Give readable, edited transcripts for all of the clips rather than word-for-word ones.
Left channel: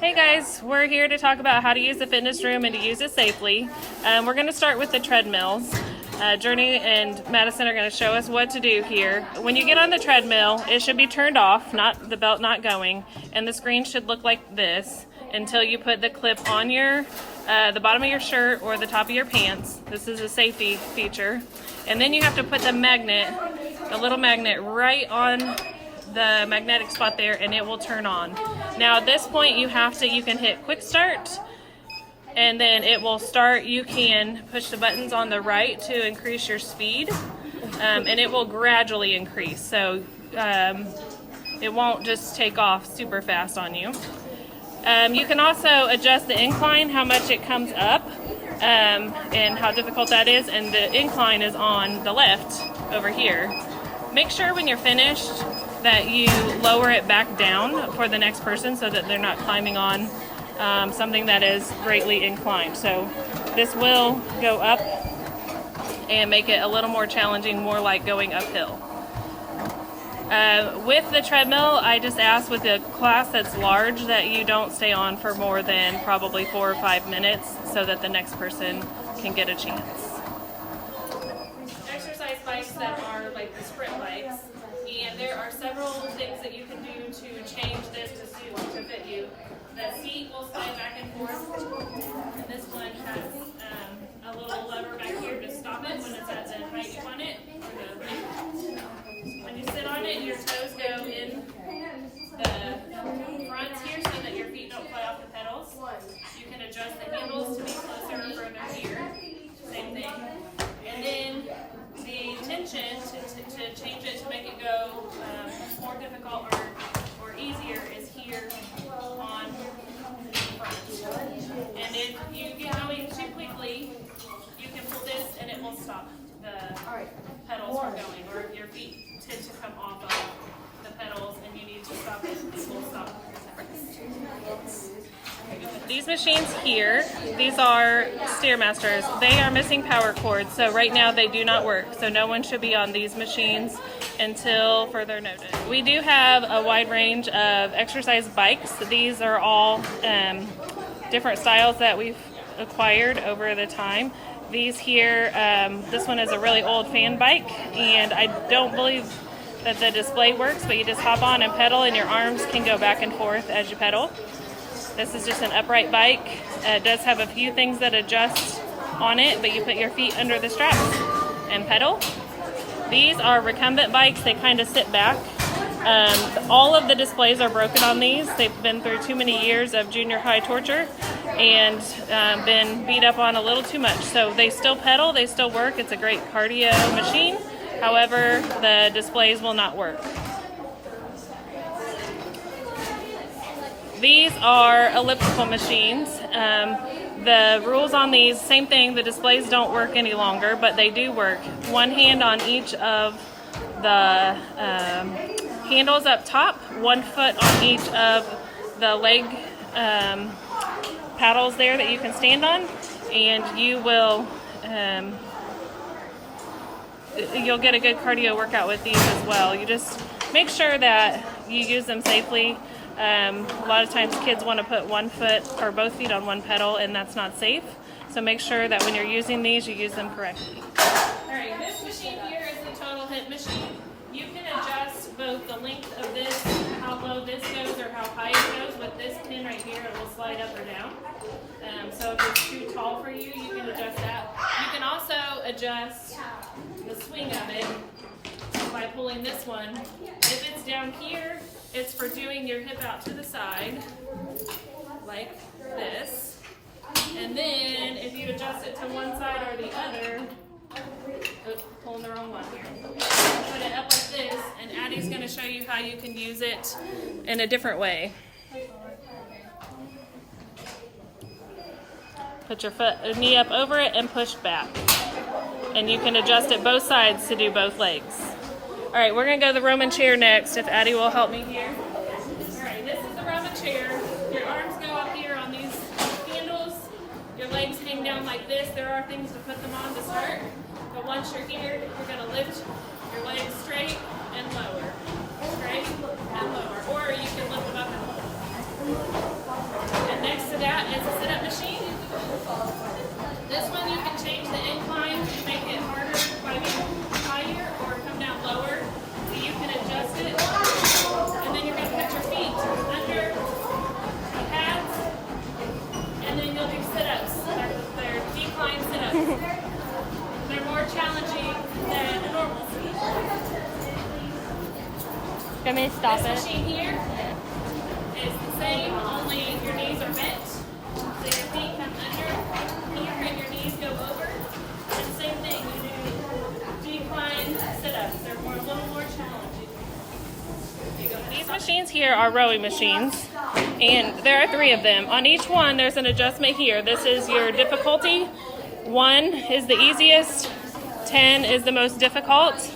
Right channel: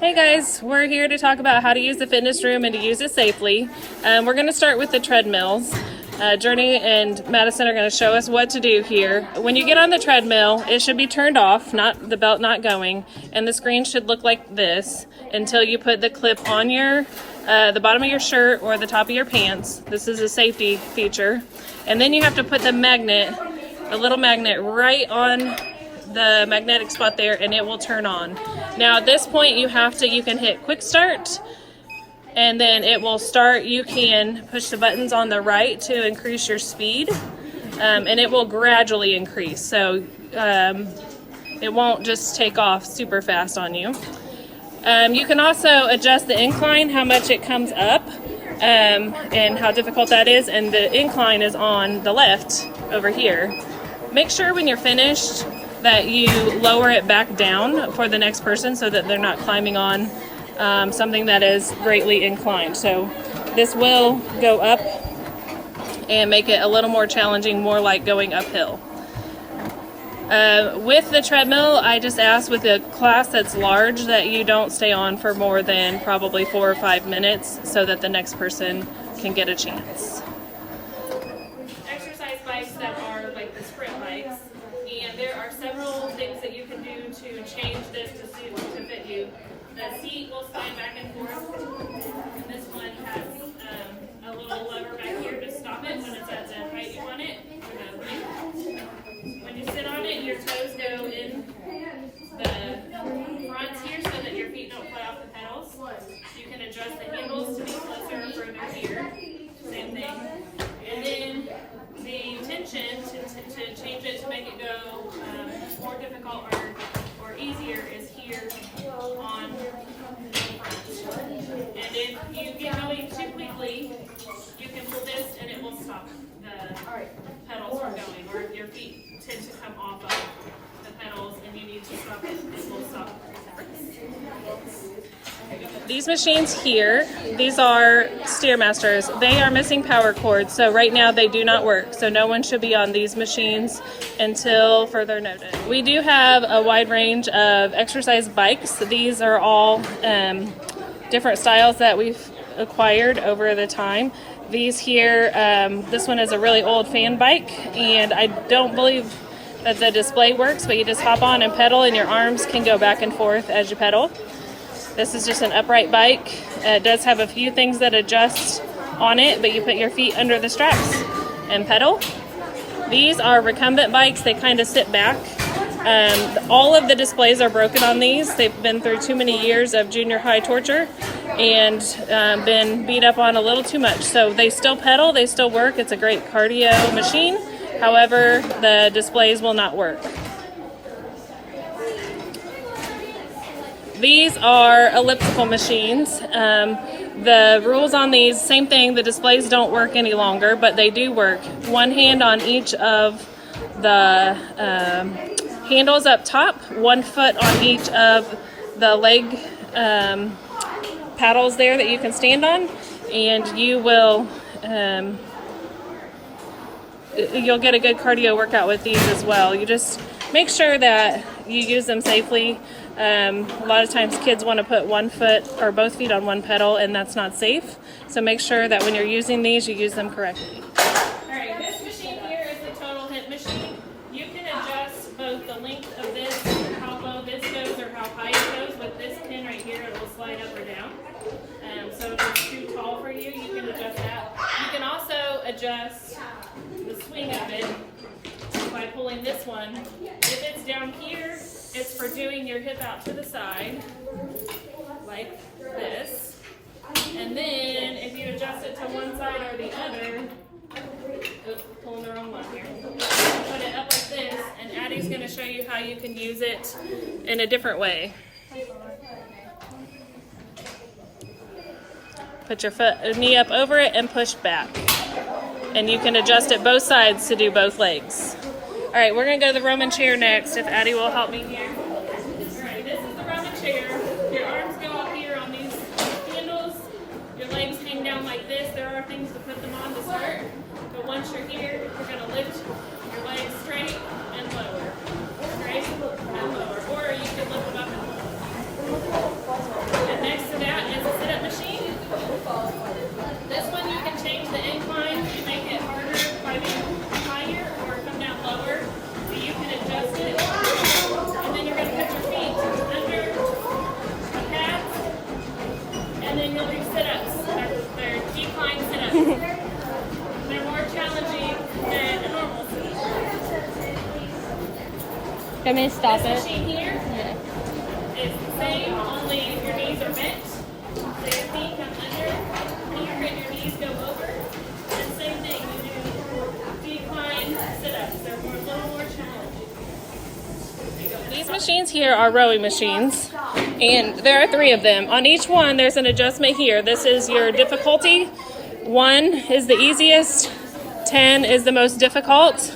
Hey guys, we're here to talk about how to use the fitness room and to use it safely. We're going to start with the treadmills. Journey and Madison are going to show us what to do here. When you get on the treadmill, it should be turned off, not the belt not going, and the screen should look like this until you put the clip on your the bottom of your shirt or the top of your pants. This is a safety feature. And then you have to put the magnet, a little magnet, right on the magnetic spot there, and it will turn on. Now at this point you can hit quick start and then it will start. You can push the buttons on the right to increase your speed, and it will gradually increase, so it won't just take off super fast on you. You can also adjust the incline, how much it comes up, and how difficult that is, and the incline is on the left over here. Make sure when you're finished that you lower it back down for the next person so that they're not climbing on something that is greatly inclined. So this will go up and make it a little more challenging, more like going uphill. With the treadmill, I just ask with a class that's large that you don't stay on for more than probably 4 or 5 minutes so that the next person can get a chance. Exercise bikes that are like the sprint bikes, and there are several things that you can do to change this to fit you. The seat will slide back and forth, and this one has a little lever back here to stop it when it's at the height you want it. When you sit on it, your toes go in the fronts here so that your feet don't fly off the pedals. You can adjust the handles to be closer or further here. Same thing. And then the tension to change it to make it go more difficult or easier is here on the front. And if you get going too quickly, you can pull this and it will stop the pedals from going, or your feet tend to come off of the pedals and you need to stop it, it will stop. These machines here, these are Stairmasters. They are missing power cords, so right now they do not work. So no one should be on these machines until further notice. We do have a wide range of exercise bikes. These are all different styles that we've acquired over the time. These here, this one is a really old fan bike, and I don't believe that the display works, but you just hop on and pedal and your arms can go back and forth as you pedal. This is just an upright bike. It does have a few things that adjust on it, but you put your feet under the straps and pedal. These are recumbent bikes. They kind of sit back. All of the displays are broken on these. They've been through too many years of junior high torture and been beat up on a little too much. So they still pedal, they still work. It's a great cardio machine. However, the displays will not work. These are elliptical machines. The rules on these, same thing, the displays don't work any longer, but they do work. One hand on each of the handles up top, 1 foot on each of the leg paddles there that you can stand on, and you will you'll get a good cardio workout with these as well. You just make sure that you use them safely. A lot of times kids want to put 1 foot or both feet on one pedal, and that's not safe. So make sure that when you're using these, you use them correctly. Alright, this machine here is the total hip machine. You can adjust both the length of this, how low this goes or how high it goes. With this pin right here, it will slide up or down. So if it's too tall for you, you can adjust that. You can also adjust the swing of it by pulling this one. If it's down here, it's for doing your hip out to the side, like this. And then if you adjust it to one side or the other, oops, pulling the wrong one here. Put it up like this, and Addie's going to show you how you can use it in a different way. Put your knee up over it and push back. And you can adjust it both sides to do both legs. All right, we're going to go to the Roman chair next, if Addie will help me here. All right, this is the Roman chair. Your arms go up here on these handles. Your legs hang down like this. There are things to put them on to start. But once you're here, you're going to lift your legs straight and lower. Straight and lower. Or you can lift them up and lower. Want me to stop it? Machine here Yeah. is the same, only your knees are bent. So your feet come under here and your knees go over. And same thing, you do decline sit-ups. They're a little more challenging. These machines here are rowing machines, and there are 3 of them. On each one, there's an adjustment here. This is your difficulty. 1 is the easiest, 10 is the most difficult,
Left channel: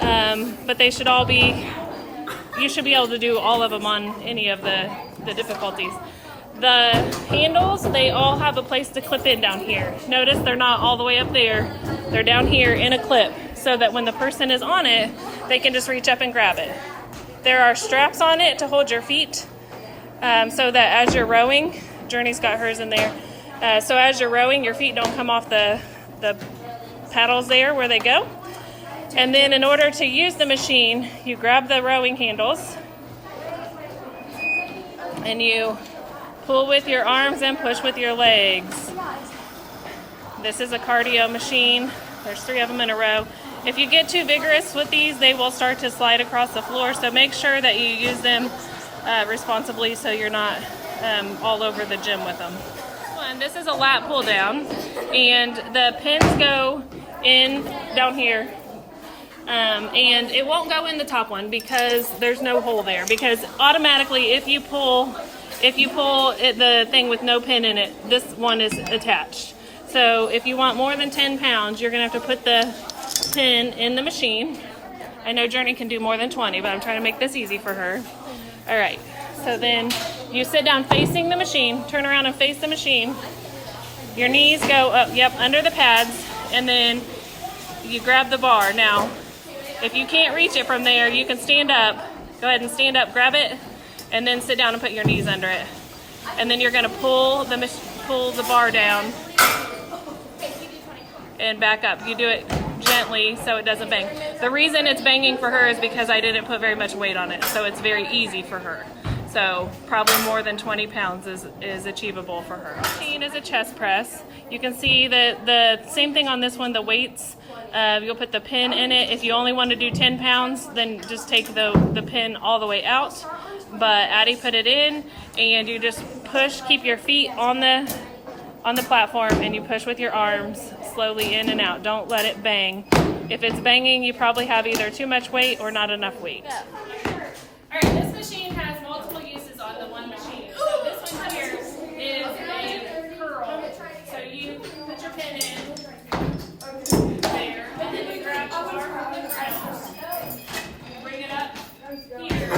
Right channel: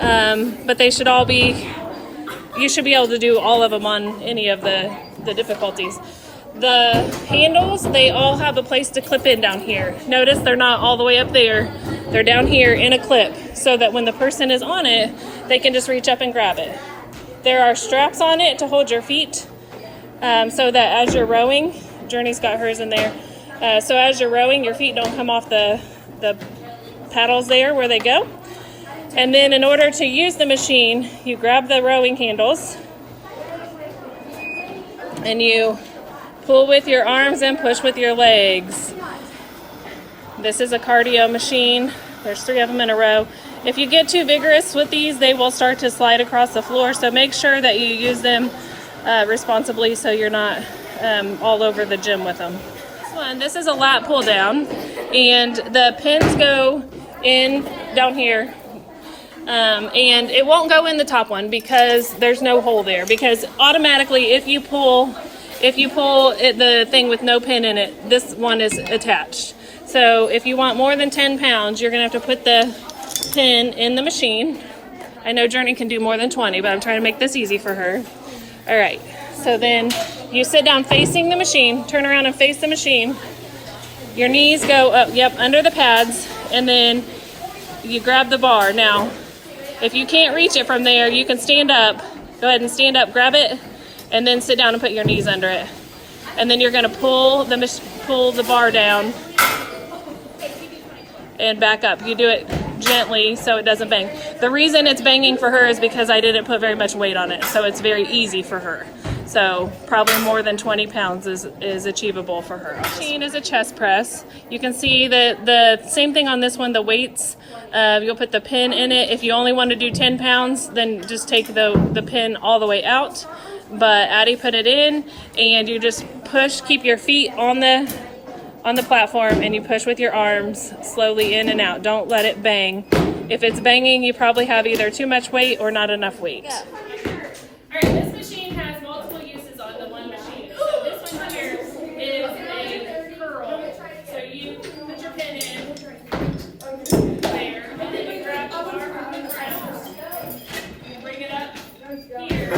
but they should all be, you should be able to do all of them on any of the difficulties. The handles, they all have a place to clip in down here. Notice they're not all the way up there. They're down here in a clip so that when the person is on it, they can just reach up and grab it. There are straps on it to hold your feet so that as you're rowing, Journey's got hers in there, so as you're rowing, your feet don't come off the paddles there where they go. And then in order to use the machine, you grab the rowing handles and you pull with your arms and push with your legs. This is a cardio machine. There's 3 of them in a row. If you get too vigorous with these, they will start to slide across the floor, so make sure that you use them responsibly so you're not all over the gym with them. This is a lat pull down, and the pins go in down here, and it won't go in the top one because there's no hole there, because automatically if you pull the thing with no pin in it, this one is attached. So if you want more than 10 pounds, you're going to have to put the pin in the machine. I know Journey can do more than 20, but I'm trying to make this easy for her. All right, so then you sit down facing the machine, turn around and face the machine. Your knees go up, under the pads, and then you grab the bar. Now, if you can't reach it from there, you can stand up. Go ahead and stand up, grab it, and then sit down and put your knees under it. And then you're going to pull the bar down and back up. You do it gently so it doesn't bang. The reason it's banging for her is because I didn't put very much weight on it, so it's very easy for her. So probably more than 20 pounds is achievable for her. The machine is a chest press. You can see that the same thing on this one, the weights. You'll put the pin in it. If you only want to do 10 pounds, then just take the pin all the way out. But Addie put it in, and you just push, keep your feet on the platform, and you push with your arms slowly in and out. Don't let it bang. If it's banging, you probably have either too much weight or not enough weight. Yeah. All right, this machine has multiple uses on the one machine. So this one here is a curl. So you put your pin in there, and then you grab the bar from the ground. You bring it up here,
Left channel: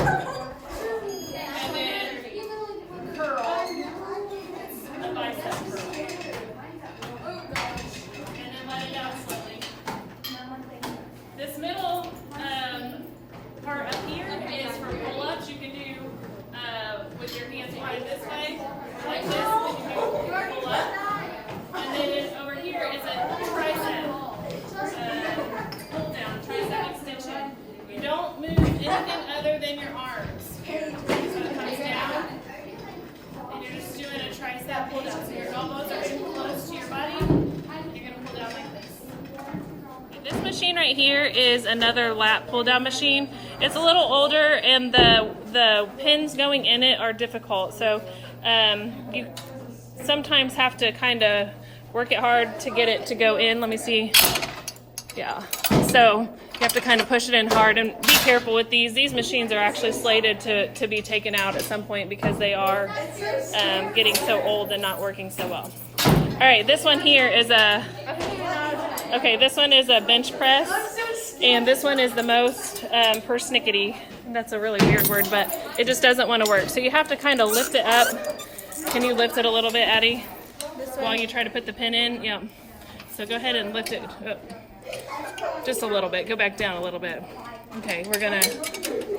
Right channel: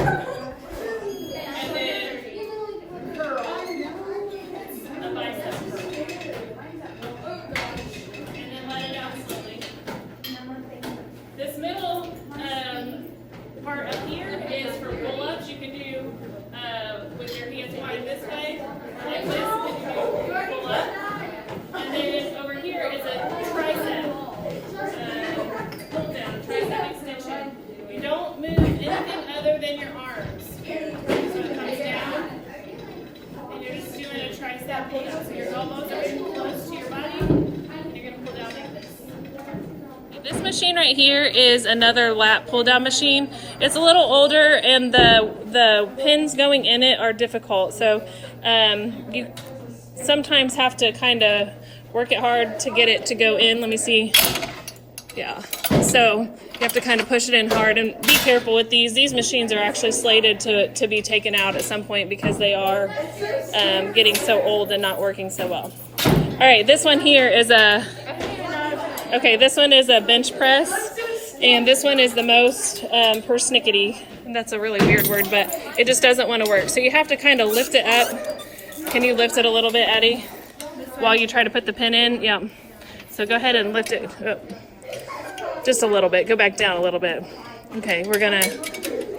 and then curl. The bicep curl. And then let it down slowly. This middle part up here is for pull-ups. You can do with your hands wide this way, like this, and you do pull up. And then over here is a tricep pull down, tricep extension. You don't move anything other than your arms. So it comes down, and you're just doing a tricep pull down. So your elbows are in close to your body, and you're going to pull down like this. This machine right here is another lat pull down machine. It's a little older, and the pins going in it are difficult. So you sometimes have to kind of work it hard to get it to go in. Let me see. Yeah. So you have to kind of push it in hard, and be careful with these. These machines are actually slated to be taken out at some point because they are getting so old and not working so well. All right, this one here is this one is a bench press, and this one is the most persnickety. That's a really weird word, but it just doesn't want to work. So you have to kind of lift it up. Can you lift it a little bit, Addie, while you try to put the pin in? Yeah. So go ahead and lift it up. Just a little bit. Go back down a little bit. Okay, we're going to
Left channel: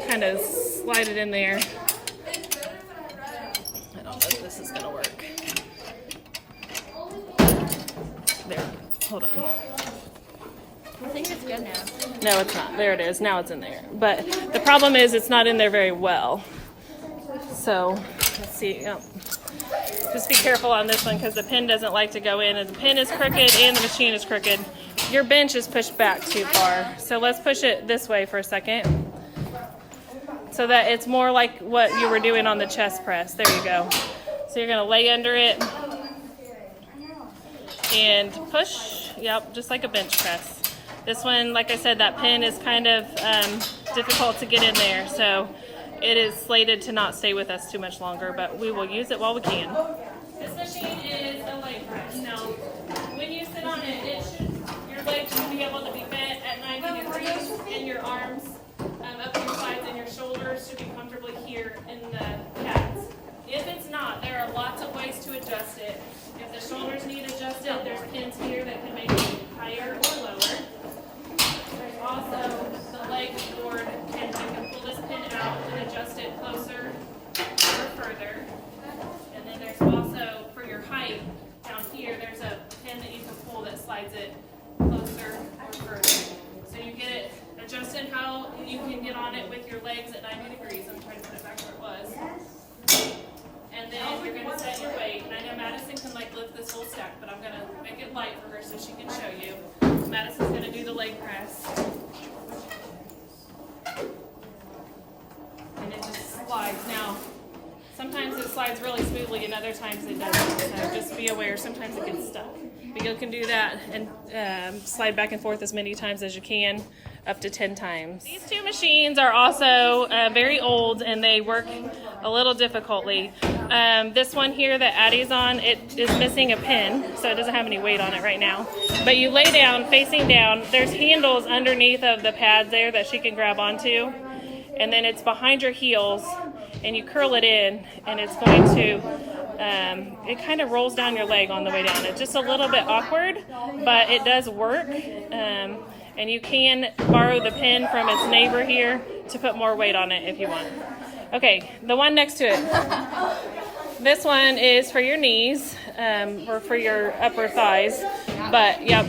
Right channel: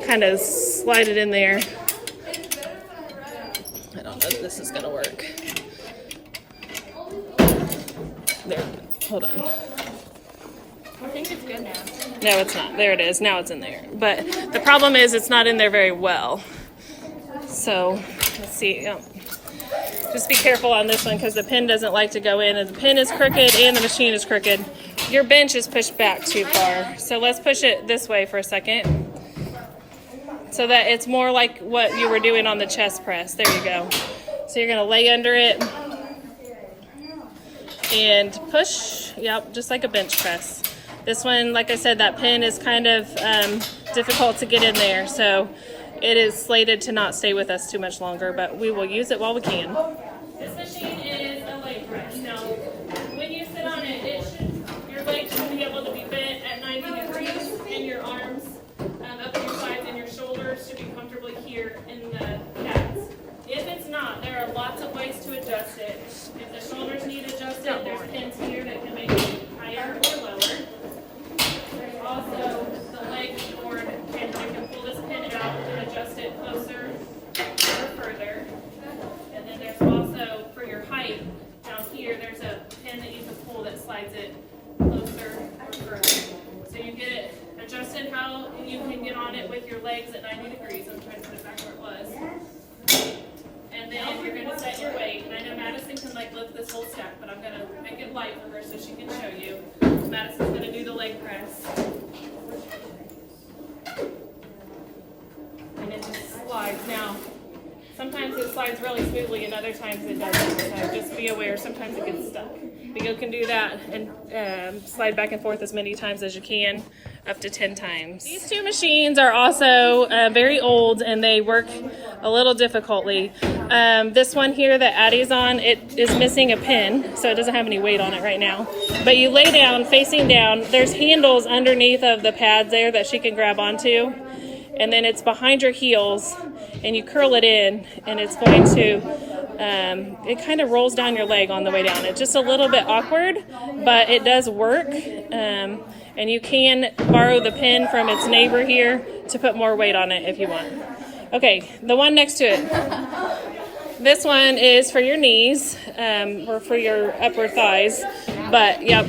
kind of slide it in there. I don't know if this is going to work. There. Hold on. I think it's good now. No, it's not. There it is. Now it's in there. But the problem is it's not in there very well. So, let's see. Just be careful on this one because the pin doesn't like to go in. And the pin is crooked and the machine is crooked. Your bench is pushed back too far. So let's push it this way for a second. so that it's more like what you were doing on the chest press. There you go. So you're gonna lay under it and push, yep, just like a bench press. This one, like I said, that pin is kind of difficult to get in there, so it is slated to not stay with us too much longer, but we will use it while we can. This machine is a leg press. Now, when you sit on it, your legs should be able to be bent at 90 degrees, and your arms up your sides and your shoulders should be comfortably here in the pads. If it's not, there are lots of ways to adjust it. If the shoulders need adjusted, there's pins here that can make it higher or lower. There's also the leg board, and you can pull this pin out and adjust it closer or further. And then there's also, for your height, down here, there's a pin that you can pull that slides it closer or further. So you get it adjusted how you can get on it with your legs at 90 degrees. I'm trying to put it back where it was. And then you're going to set your weight. And I know Madison can like lift this whole stack, but I'm going to make it light for her so she can show you. Madison's going to do the leg press. And it just slides. Now, sometimes it slides really smoothly and other times it doesn't. So just be aware, sometimes it gets stuck. But you can do that and slide back and forth as many times as you can, up to 10 times. These two machines are also very old and they work a little difficultly. This one here that Addie's on, it is missing a pin, so it doesn't have any weight on it right now. But you lay down, facing down, there's handles underneath of the pads there that she can grab onto. And then it's behind your heels and you curl it in and it's going to it kind of rolls down your leg on the way down. It's just a little bit awkward, but it does work. And you can borrow the pin from its neighbor here to put more weight on it if you want. Okay, the one next to it. This one is for your knees or for your upper thighs. But, yep,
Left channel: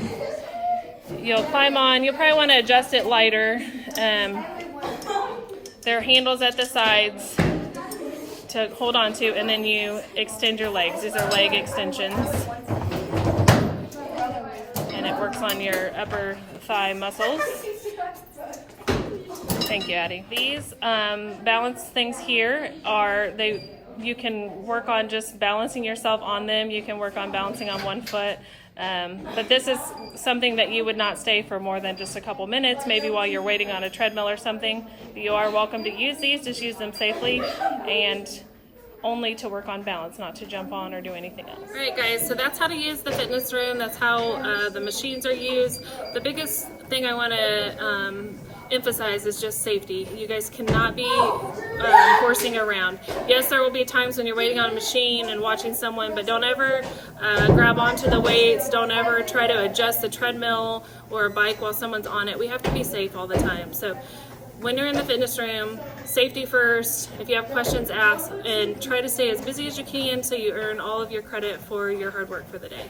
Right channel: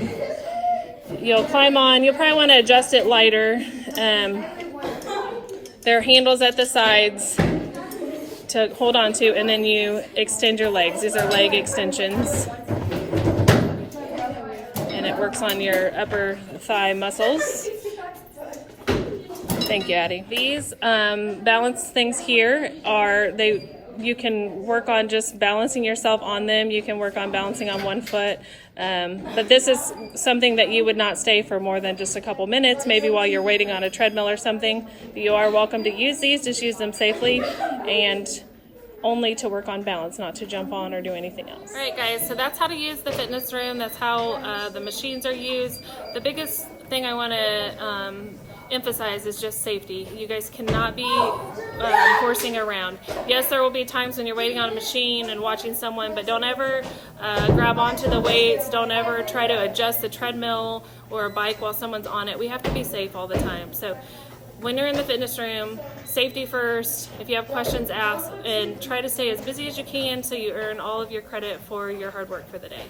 you'll climb on. You'll probably want to adjust it lighter. There are handles at the sides to hold on to, and then you extend your legs. These are leg extensions. And it works on your upper thigh muscles. Thank you, Addie. These balance things here you can work on just balancing yourself on them. You can work on balancing on one foot. But this is something that you would not stay for more than just a couple minutes, maybe while you're waiting on a treadmill or something. But you are welcome to use these, just use them safely and only to work on balance, not to jump on or do anything else. All right, guys, so that's how to use the fitness room. That's how the machines are used. The biggest thing I want to emphasize is just safety. You guys cannot be horsing around. Yes, there will be times when you're waiting on a machine and watching someone, but don't ever grab onto the weights. Don't ever try to adjust the treadmill or a bike while someone's on it. We have to be safe all the time. So when you're in the fitness room, safety first. If you have questions, ask, and try to stay as busy as you can so you earn all of your credit for your hard work for the day.